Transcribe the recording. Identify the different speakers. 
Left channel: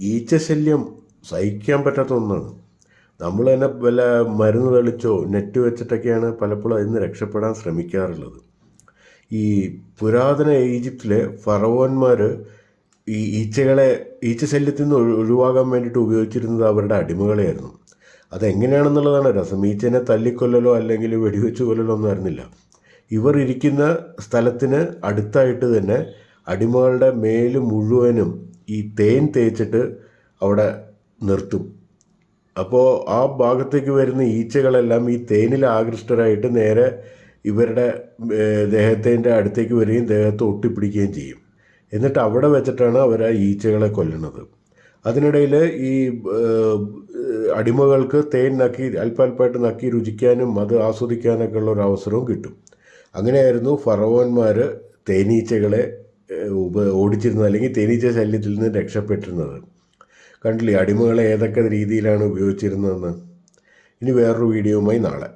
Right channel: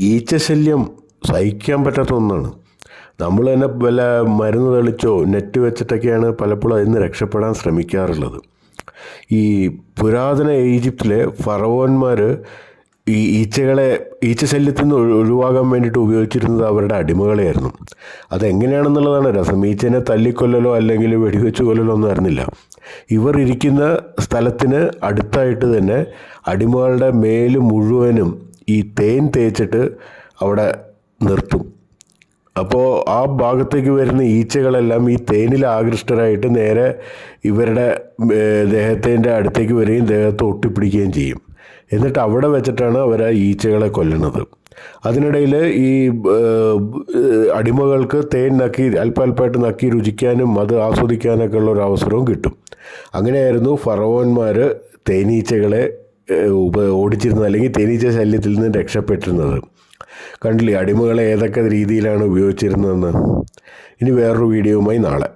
Speaker 1: ഈച്ചശല്യം സഹിക്കാൻ പറ്റാത്ത ഒന്നാണ്. നമ്മൾ തന്നെ വല്ല മരുന്ന് തളിച്ചോ നെറ്റ് വെച്ചിട്ടൊക്കെയാണ് പലപ്പോഴും അതിൽ നിന്ന് രക്ഷപ്പെടാൻ ശ്രമിക്കാറുള്ളത്. ഈ പുരാതന ഈജിപ്തിലെ ഫറവോന്മാർ ഈ ഈച്ചകളെ ഈച്ചശല്യത്തിൽ നിന്ന് ഒഴിവാകാൻ വേണ്ടിയിട്ട് ഉപയോഗിച്ചിരുന്നത് അവരുടെ അടിമകളെയായിരുന്നു. അതെങ്ങനെയാണെന്നുള്ളതാണ് രസം. ഈച്ചനെ തല്ലിക്കൊല്ലലോ അല്ലെങ്കിൽ വെടിവെച്ച് കൊല്ലലോ ഒന്നും ആയിരുന്നില്ല ഇവർ ഇരിക്കുന്ന സ്ഥലത്തിന് അടുത്തായിട്ട് തന്നെ അടിമകളുടെ മേൽ മുഴുവനും ഈ തേൻ തേച്ചിട്ട് അവിടെ നിർത്തും. അപ്പോൾ ആ ഭാഗത്തേക്ക് വരുന്ന ഈച്ചകളെല്ലാം ഈ തേനിൽ ആകൃഷ്ടരായിട്ട് നേരെ ഇവരുടെ ദേഹത്തിന്റെ അടുത്തേക്ക് വരികയും ദേഹത്ത് ഒട്ടിപ്പിടിക്കുകയും ചെയ്യും. എന്നിട്ട് അവിടെ വെച്ചിട്ടാണ് അവർ ആ ഈച്ചകളെ കൊല്ലുന്നത്. അതിനിടയിൽ ഈ അടിമകൾക്ക് തേൻ നക്കി അല്പാൽപ്പായിട്ട് നക്കി രുചിക്കാനും അത് ആസ്വദിക്കാനൊക്കെ ഉള്ള ഒരു അവസരവും കിട്ടും. അങ്ങനെയായിരുന്നു ഫറവോന്മാർ തേനീച്ചകളെ ഉപ ഓടിച്ചിരുന്നത് അല്ലെങ്കിൽ തേനീച്ച ശല്യത്തിൽ നിന്ന് രക്ഷപ്പെട്ടിരുന്നത്. കണ്ടില്ലേ അടിമകളെ ഏതൊക്കെ രീതിയിലാണ് ഉപയോഗിച്ചിരുന്നതെന്ന്? ഇനി വേറൊരു വീഡിയോയുമായി നാളെ.